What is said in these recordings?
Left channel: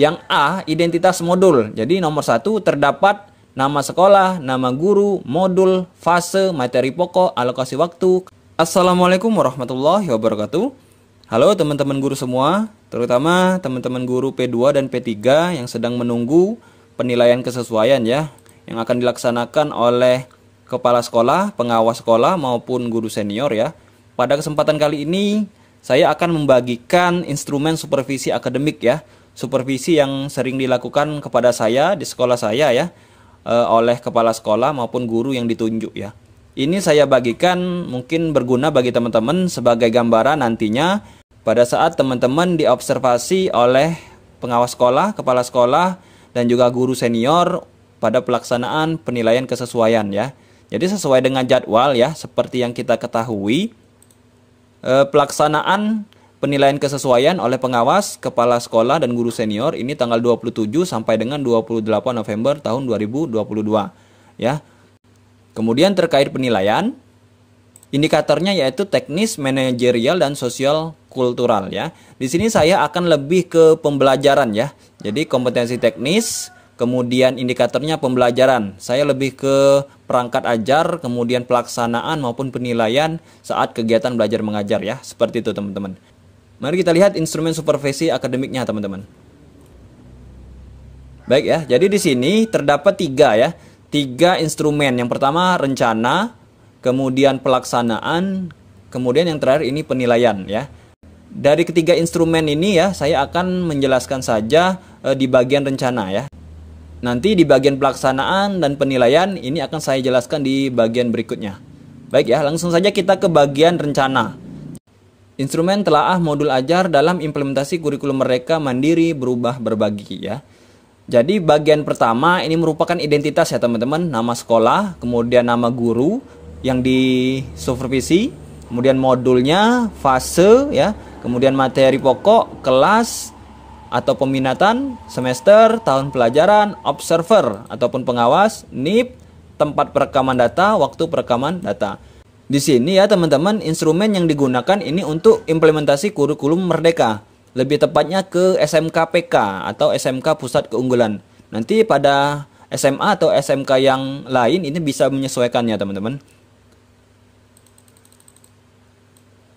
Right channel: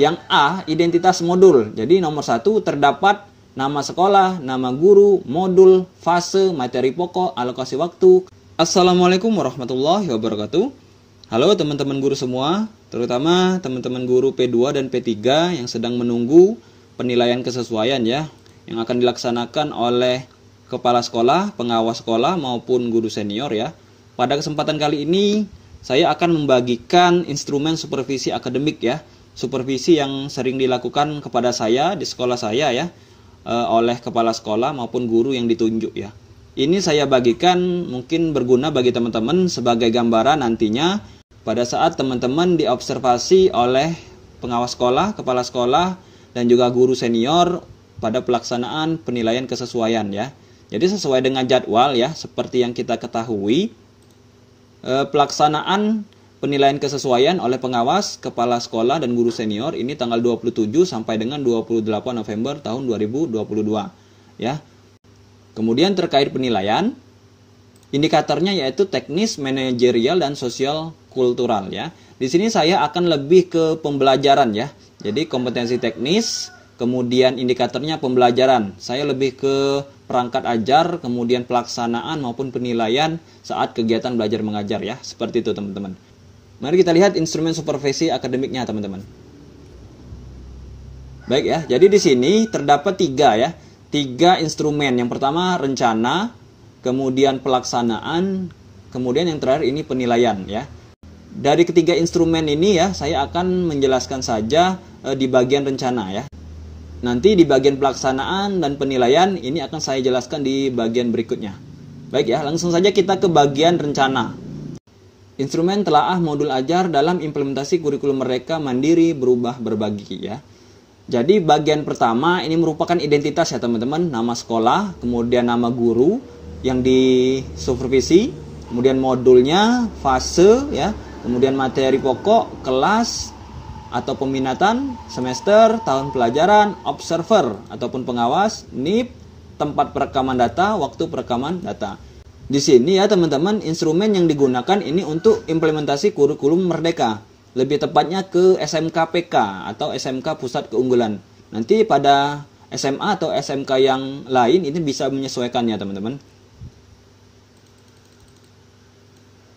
Yang A, identitas modul. Jadi nomor 1 terdapat nama sekolah, nama guru, modul, fase, materi pokok, alokasi waktu. Assalamualaikum warahmatullahi wabarakatuh. Halo teman-teman guru semua, terutama teman-teman guru P2 dan P3 yang sedang menunggu penilaian kesesuaian ya, yang akan dilaksanakan oleh kepala sekolah, pengawas sekolah maupun guru senior ya. Pada kesempatan kali ini saya akan membagikan instrumen supervisi akademik ya. Supervisi yang sering dilakukan kepada saya di sekolah saya ya, oleh kepala sekolah maupun guru yang ditunjuk ya. Ini saya bagikan mungkin berguna bagi teman-teman sebagai gambaran nantinya pada saat teman-teman diobservasi oleh pengawas sekolah, kepala sekolah, dan juga guru senior pada pelaksanaan penilaian kesesuaian ya. Jadi sesuai dengan jadwal ya, seperti yang kita ketahui, pelaksanaan penilaian kesesuaian oleh pengawas, kepala sekolah, dan guru senior ini tanggal 27 sampai dengan 28 November tahun 2022 ya. Kemudian terkait penilaian, indikatornya yaitu teknis, manajerial, dan sosial kultural ya. Di sini saya akan lebih ke pembelajaran ya. Jadi kompetensi teknis, kemudian indikatornya pembelajaran. Saya lebih ke perangkat ajar, kemudian pelaksanaan maupun penilaian saat kegiatan belajar mengajar ya. Seperti itu teman-teman. Mari kita lihat instrumen supervisi akademiknya teman-teman. Baik ya, jadi di sini terdapat tiga instrumen. Yang pertama rencana, kemudian pelaksanaan, kemudian yang terakhir ini penilaian ya. Dari ketiga instrumen ini ya, saya akan menjelaskan saja di bagian rencana ya. Nanti di bagian pelaksanaan dan penilaian ini akan saya jelaskan di bagian berikutnya. Baik ya, langsung saja kita ke bagian rencana. Instrumen telaah modul ajar dalam implementasi kurikulum mereka mandiri berubah berbagi ya. Jadi bagian pertama ini merupakan identitas ya teman-teman, nama sekolah, kemudian nama guru yang disupervisi, kemudian modulnya, fase ya, kemudian materi pokok, kelas atau peminatan, semester, tahun pelajaran, observer ataupun pengawas, NIP, tempat perekaman data, waktu perekaman data. Di sini ya teman-teman, instrumen yang digunakan ini untuk implementasi kurikulum merdeka. Lebih tepatnya ke SMK PK atau SMK Pusat Keunggulan. Nanti pada SMA atau SMK yang lain ini bisa menyesuaikannya teman-teman.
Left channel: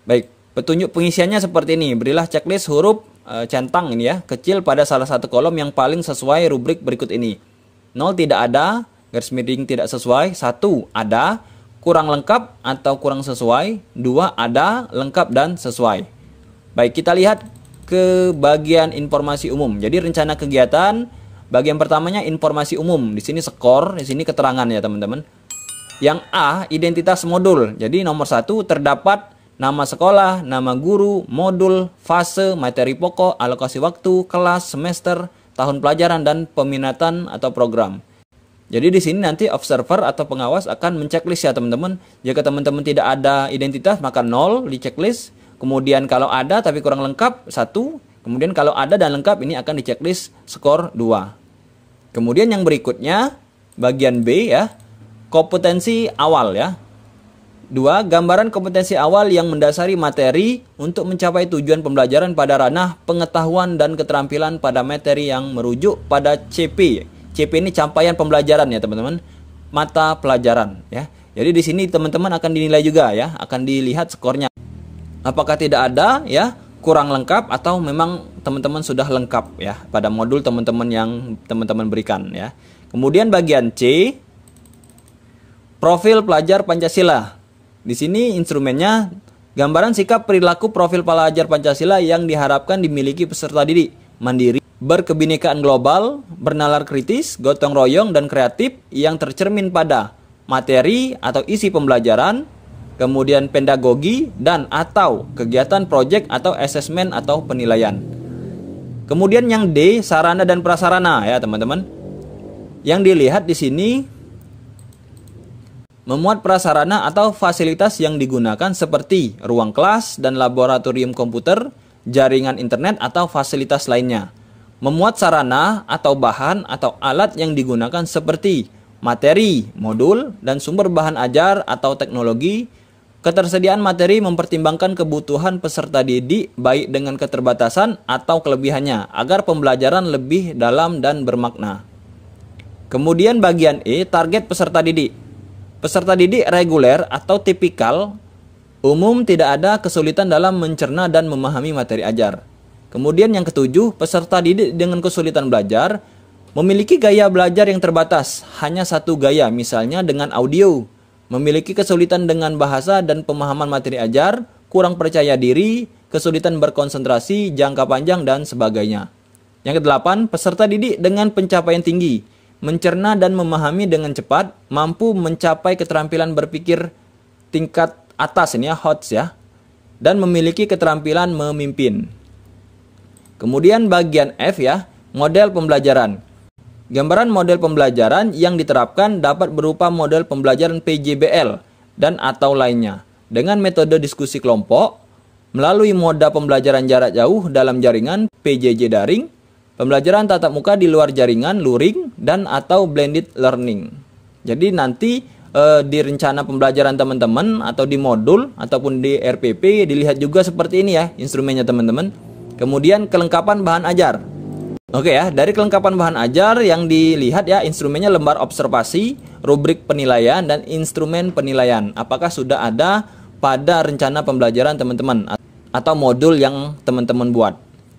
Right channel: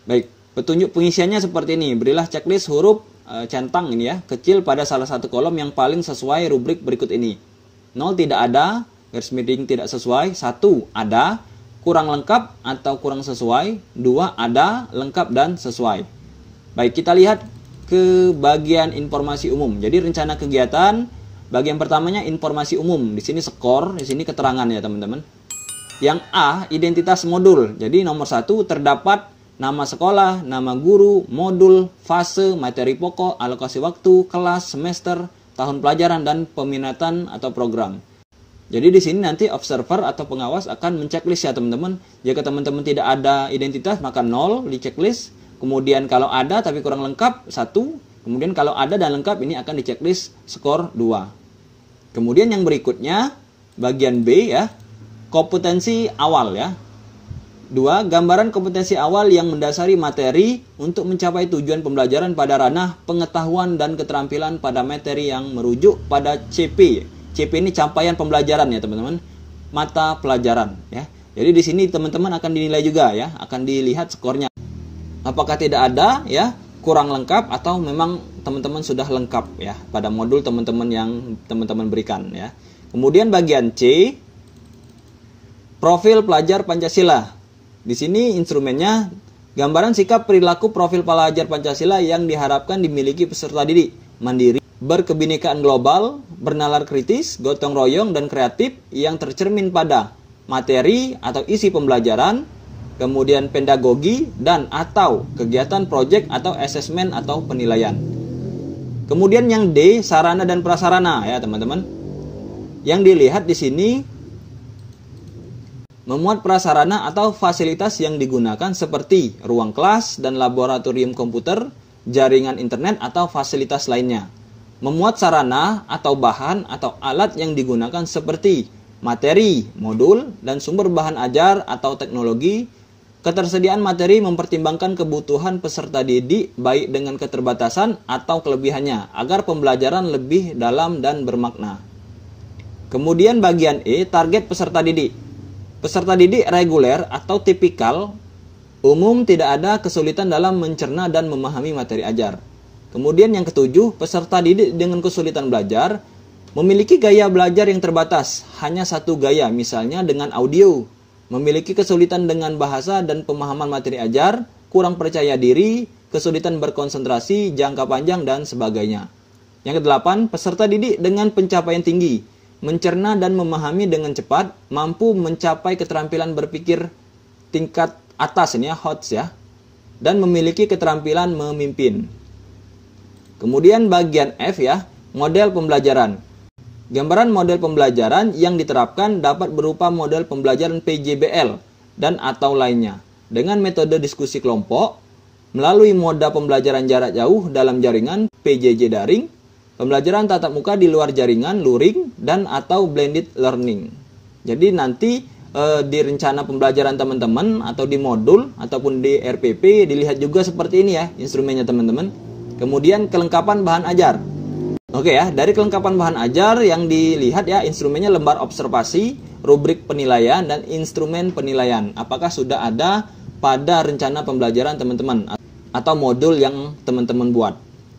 Baik, petunjuk pengisiannya seperti ini. Berilah checklist huruf centang ini ya, kecil pada salah satu kolom yang paling sesuai rubrik berikut ini. 0 tidak ada, garis miring tidak sesuai. 1 ada, kurang lengkap atau kurang sesuai. 2 ada, lengkap dan sesuai. Baik, kita lihat ke bagian informasi umum. Jadi rencana kegiatan, bagian pertamanya informasi umum. Di sini skor, di sini keterangan ya teman-teman. Yang A, identitas modul. Jadi nomor 1 terdapat nama sekolah, nama guru, modul, fase, materi pokok, alokasi waktu, kelas, semester, tahun pelajaran, dan peminatan atau program. Jadi di sini nanti observer atau pengawas akan menceklis ya teman-teman. Jika teman-teman tidak ada identitas maka 0 di checklist. Kemudian kalau ada tapi kurang lengkap 1. Kemudian kalau ada dan lengkap ini akan di checklist skor 2. Kemudian yang berikutnya bagian B ya, kompetensi awal ya. 2. Gambaran kompetensi awal yang mendasari materi untuk mencapai tujuan pembelajaran pada ranah pengetahuan dan keterampilan pada materi yang merujuk pada CP. CP ini capaian pembelajaran ya teman-teman, mata pelajaran ya. Jadi di sini teman-teman akan dinilai juga ya, akan dilihat skornya. Apakah tidak ada ya, kurang lengkap atau memang teman-teman sudah lengkap ya pada modul teman-teman yang teman-teman berikan ya. Kemudian bagian C, profil pelajar Pancasila. Di sini instrumennya gambaran sikap perilaku profil pelajar Pancasila yang diharapkan dimiliki peserta didik, mandiri, berkebinekaan global, bernalar kritis, gotong royong, dan kreatif yang tercermin pada materi atau isi pembelajaran, kemudian pedagogi dan atau kegiatan proyek atau asesmen atau penilaian. Kemudian yang D, sarana dan prasarana ya teman-teman. Yang dilihat di sini memuat prasarana atau fasilitas yang digunakan seperti ruang kelas dan laboratorium komputer, jaringan internet atau fasilitas lainnya. Memuat sarana atau bahan atau alat yang digunakan seperti materi, modul, dan sumber bahan ajar atau teknologi, Ketersediaan materi mempertimbangkan kebutuhan peserta didik baik dengan keterbatasan atau kelebihannya agar pembelajaran lebih dalam dan bermakna. Kemudian bagian E, target peserta didik. Peserta didik reguler atau tipikal umum tidak ada kesulitan dalam mencerna dan memahami materi ajar. Kemudian yang ketujuh, peserta didik dengan kesulitan belajar memiliki gaya belajar yang terbatas, hanya satu gaya, misalnya dengan audio. Memiliki kesulitan dengan bahasa dan pemahaman materi ajar, kurang percaya diri, kesulitan berkonsentrasi, jangka panjang, dan sebagainya. Yang kedelapan, peserta didik dengan pencapaian tinggi, mencerna dan memahami dengan cepat, mampu mencapai keterampilan berpikir tingkat atas, ini ya, HOTS ya, dan memiliki keterampilan memimpin. Kemudian bagian F ya, model pembelajaran. Gambaran model pembelajaran yang diterapkan dapat berupa model pembelajaran PJBL dan atau lainnya dengan metode diskusi kelompok, melalui moda pembelajaran jarak jauh dalam jaringan PJJ daring, pembelajaran tatap muka di luar jaringan luring, dan atau blended learning. Jadi nanti di rencana pembelajaran teman-teman atau di modul ataupun di RPP dilihat juga seperti ini ya instrumennya teman-teman. Kemudian kelengkapan bahan ajar. Oke ya, dari kelengkapan bahan ajar yang dilihat ya instrumennya lembar observasi, rubrik penilaian, dan instrumen penilaian. Apakah sudah ada pada rencana pembelajaran teman-teman atau modul yang teman-teman buat.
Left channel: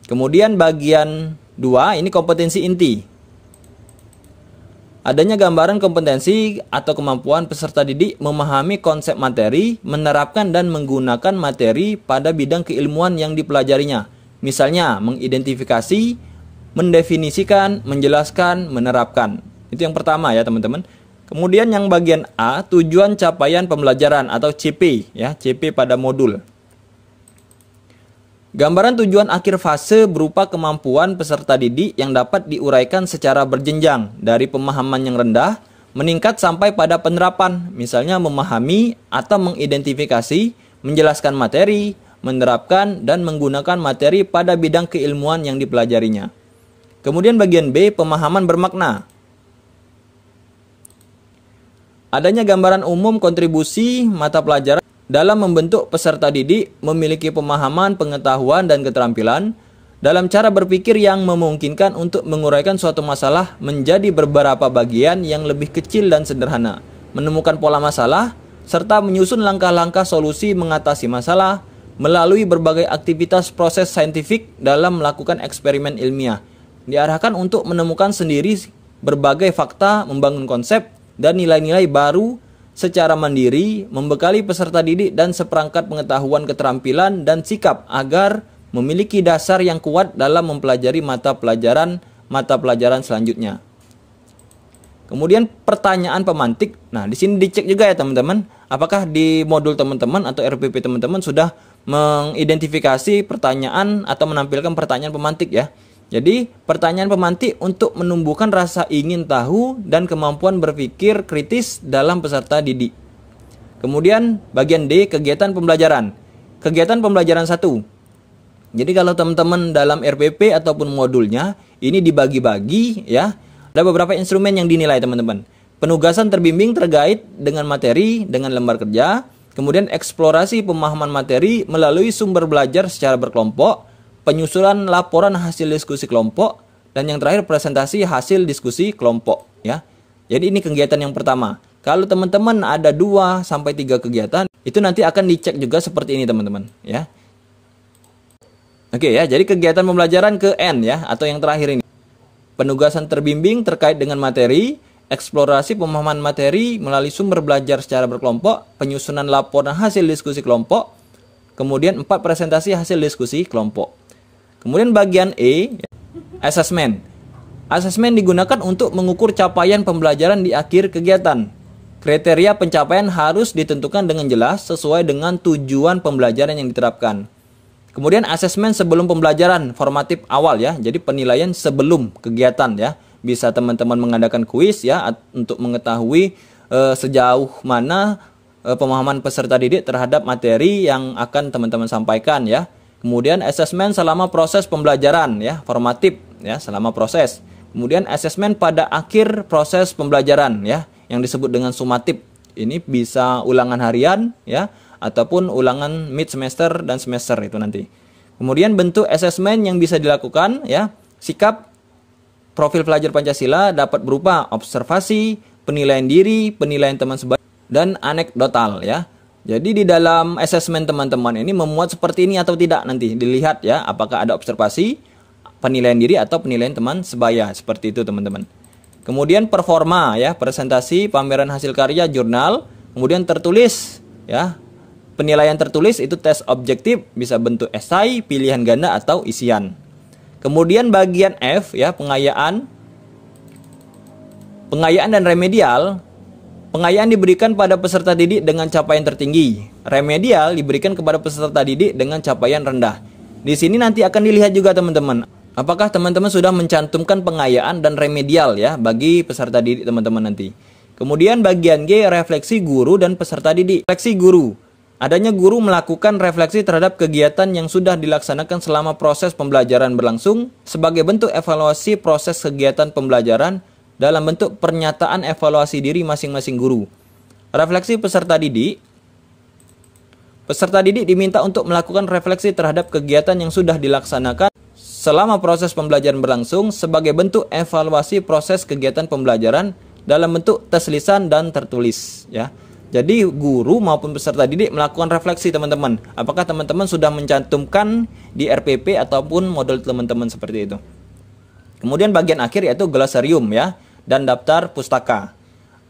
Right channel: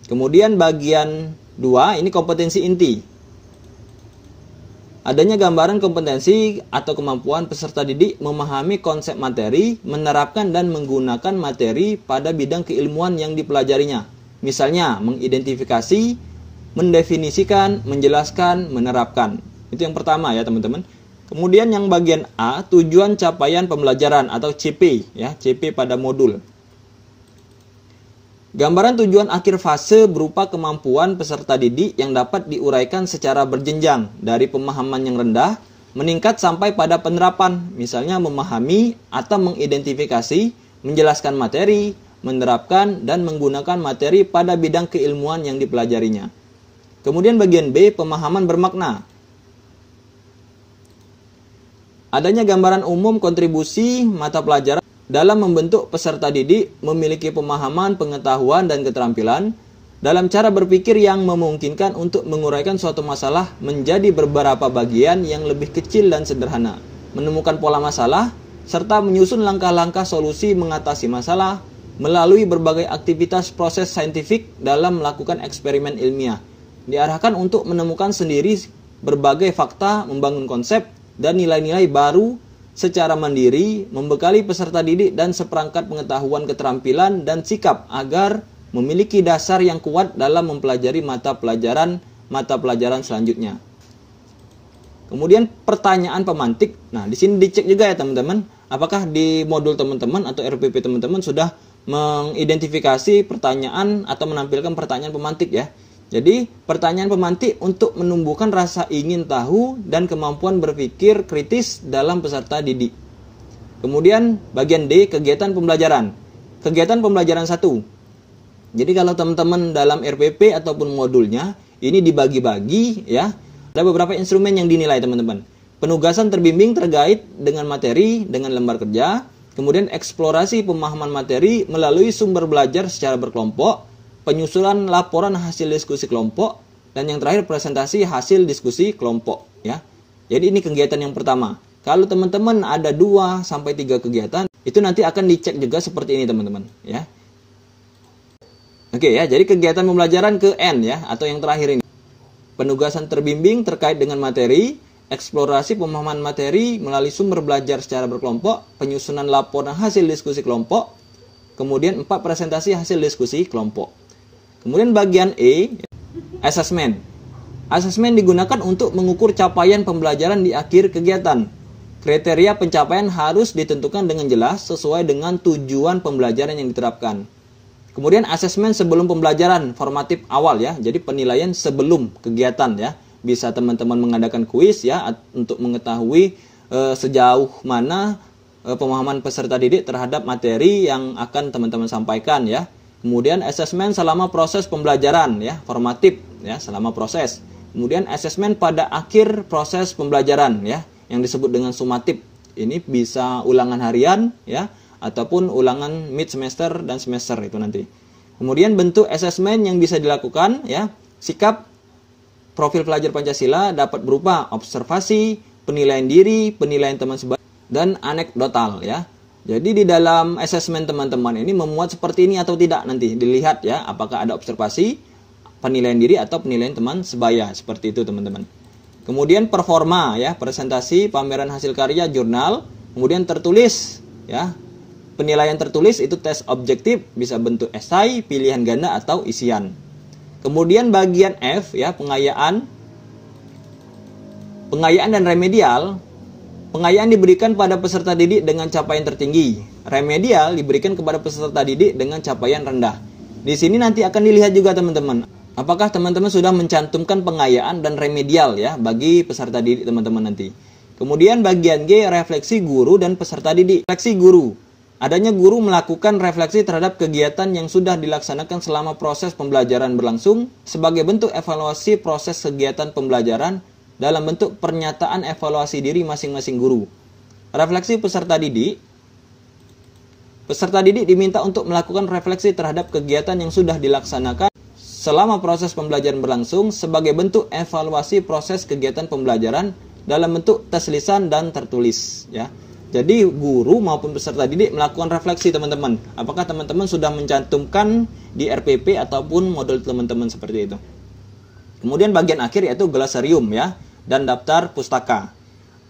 Kemudian bagian 2 ini kompetensi inti. Adanya gambaran kompetensi atau kemampuan peserta didik memahami konsep materi, menerapkan dan menggunakan materi pada bidang keilmuan yang dipelajarinya. Misalnya mengidentifikasi, mendefinisikan, menjelaskan, menerapkan. Itu yang pertama ya teman-teman. Kemudian yang bagian A, tujuan capaian pembelajaran atau CP ya, CP pada modul. Gambaran tujuan akhir fase berupa kemampuan peserta didik yang dapat diuraikan secara berjenjang dari pemahaman yang rendah meningkat sampai pada penerapan, misalnya memahami atau mengidentifikasi, menjelaskan materi, menerapkan dan menggunakan materi pada bidang keilmuan yang dipelajarinya. Kemudian bagian B, pemahaman bermakna. Adanya gambaran umum kontribusi mata pelajaran dalam membentuk peserta didik memiliki pemahaman, pengetahuan, dan keterampilan dalam cara berpikir yang memungkinkan untuk menguraikan suatu masalah menjadi beberapa bagian yang lebih kecil dan sederhana, menemukan pola masalah, serta menyusun langkah-langkah solusi mengatasi masalah melalui berbagai aktivitas proses saintifik dalam melakukan eksperimen ilmiah. Diarahkan untuk menemukan sendiri berbagai fakta, membangun konsep dan nilai-nilai baru secara mandiri, membekali peserta didik dan seperangkat pengetahuan, keterampilan, dan sikap agar memiliki dasar yang kuat dalam mempelajari mata pelajaran selanjutnya. Kemudian pertanyaan pemantik. Nah, di sini dicek juga ya teman-teman, apakah di modul teman-teman atau RPP teman-teman sudah mengidentifikasi pertanyaan atau menampilkan pertanyaan pemantik ya. Jadi, pertanyaan pemantik untuk menumbuhkan rasa ingin tahu dan kemampuan berpikir kritis dalam peserta didik. Kemudian, bagian D, kegiatan pembelajaran. Kegiatan pembelajaran 1. Jadi, kalau teman-teman dalam RPP ataupun modulnya, ini dibagi-bagi ya. Ada beberapa instrumen yang dinilai teman-teman. Penugasan terbimbing terkait dengan materi dengan lembar kerja. Kemudian, eksplorasi pemahaman materi melalui sumber belajar secara berkelompok. Penyusunan laporan hasil diskusi kelompok, dan yang terakhir presentasi hasil diskusi kelompok ya. Jadi ini kegiatan yang pertama. Kalau teman-teman ada 2 sampai 3 kegiatan, itu nanti akan dicek juga seperti ini teman-teman ya. Oke ya, jadi kegiatan pembelajaran ke N ya, atau yang terakhir ini. Penugasan terbimbing terkait dengan materi, eksplorasi pemahaman materi melalui sumber belajar secara berkelompok, penyusunan laporan hasil diskusi kelompok, kemudian 4 presentasi hasil diskusi kelompok. Kemudian bagian E, asesmen. Asesmen digunakan untuk mengukur capaian pembelajaran di akhir kegiatan. Kriteria pencapaian harus ditentukan dengan jelas sesuai dengan tujuan pembelajaran yang diterapkan. Kemudian asesmen sebelum pembelajaran, formatif awal ya. Jadi penilaian sebelum kegiatan ya. Bisa teman-teman mengadakan kuis ya untuk mengetahui sejauh mana pemahaman peserta didik terhadap materi yang akan teman-teman sampaikan ya. Kemudian asesmen selama proses pembelajaran ya, formatif ya, selama proses. Kemudian asesmen pada akhir proses pembelajaran ya, yang disebut dengan sumatif. Ini bisa ulangan harian ya, ataupun ulangan mid semester dan semester itu nanti. Kemudian bentuk asesmen yang bisa dilakukan ya, sikap profil pelajar Pancasila dapat berupa observasi, penilaian diri, penilaian teman sebaya, dan anekdotal ya. Jadi di dalam asesmen teman-teman ini memuat seperti ini atau tidak nanti dilihat ya, apakah ada observasi, penilaian diri atau penilaian teman sebaya, seperti itu teman-teman. Kemudian performa ya, presentasi, pameran hasil karya, jurnal, kemudian tertulis ya. Penilaian tertulis itu tes objektif, bisa bentuk esai, pilihan ganda atau isian. Kemudian bagian F ya, pengayaan dan remedial. Pengayaan diberikan pada peserta didik dengan capaian tertinggi. Remedial diberikan kepada peserta didik dengan capaian rendah. Di sini nanti akan dilihat juga teman-teman, apakah teman-teman sudah mencantumkan pengayaan dan remedial ya bagi peserta didik teman-teman nanti. Kemudian bagian G, refleksi guru dan peserta didik. Refleksi guru. Adanya guru melakukan refleksi terhadap kegiatan yang sudah dilaksanakan selama proses pembelajaran berlangsung sebagai bentuk evaluasi proses kegiatan pembelajaran dalam bentuk pernyataan evaluasi diri masing-masing guru. Refleksi peserta didik. Peserta didik diminta untuk melakukan refleksi terhadap kegiatan yang sudah dilaksanakan selama proses pembelajaran berlangsung sebagai bentuk evaluasi proses kegiatan pembelajaran dalam bentuk tes lisan dan tertulis ya. Jadi guru maupun peserta didik melakukan refleksi teman-teman. Apakah teman-teman sudah mencantumkan di RPP ataupun modul teman-teman seperti itu. Kemudian bagian akhir yaitu glosarium ya, dan daftar pustaka.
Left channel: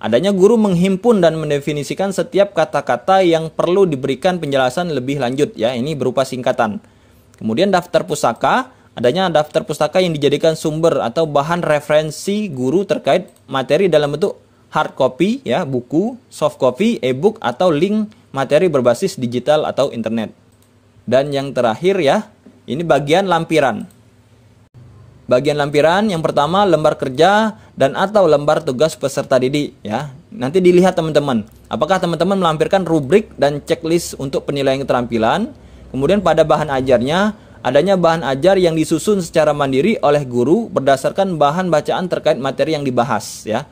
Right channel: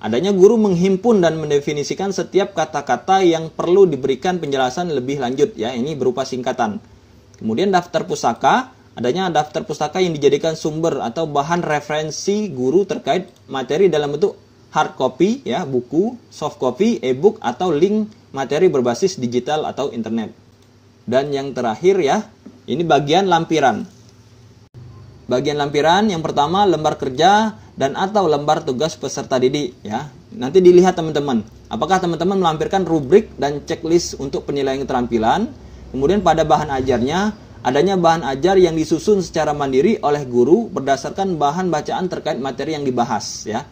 Adanya guru menghimpun dan mendefinisikan setiap kata-kata yang perlu diberikan penjelasan lebih lanjut ya, ini berupa singkatan. Kemudian daftar pustaka, adanya daftar pustaka yang dijadikan sumber atau bahan referensi guru terkait materi dalam bentuk hard copy ya, buku, soft copy, e-book atau link materi berbasis digital atau internet. Dan yang terakhir ya, ini bagian lampiran. Bagian lampiran yang pertama lembar kerja dan atau lembar tugas peserta didik ya. Nanti dilihat teman-teman, apakah teman-teman melampirkan rubrik dan checklist untuk penilaian keterampilan. Kemudian pada bahan ajarnya, adanya bahan ajar yang disusun secara mandiri oleh guru berdasarkan bahan bacaan terkait materi yang dibahas ya.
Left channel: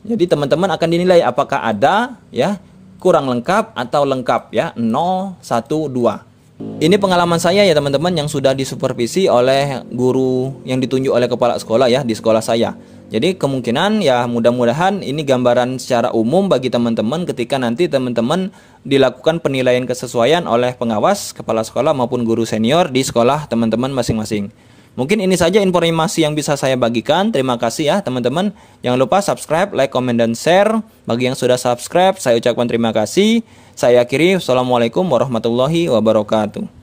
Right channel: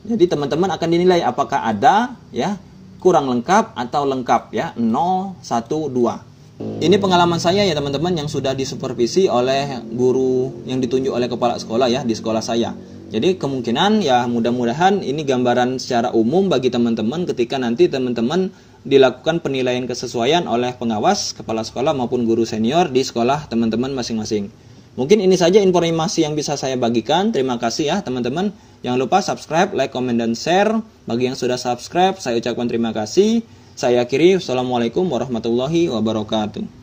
Jadi teman-teman akan dinilai apakah ada ya, kurang lengkap atau lengkap ya, 0, 1, 2. Ini pengalaman saya ya teman-teman yang sudah disupervisi oleh guru yang ditunjuk oleh kepala sekolah ya di sekolah saya. Jadi kemungkinan ya mudah-mudahan ini gambaran secara umum bagi teman-teman ketika nanti teman-teman dilakukan penilaian kesesuaian oleh pengawas, kepala sekolah maupun guru senior di sekolah teman-teman masing-masing. Mungkin ini saja informasi yang bisa saya bagikan. Terima kasih ya teman-teman. Jangan lupa subscribe, like, komen, dan share. Bagi yang sudah subscribe, saya ucapkan terima kasih. Saya akhiri, wassalamualaikum warahmatullahi wabarakatuh.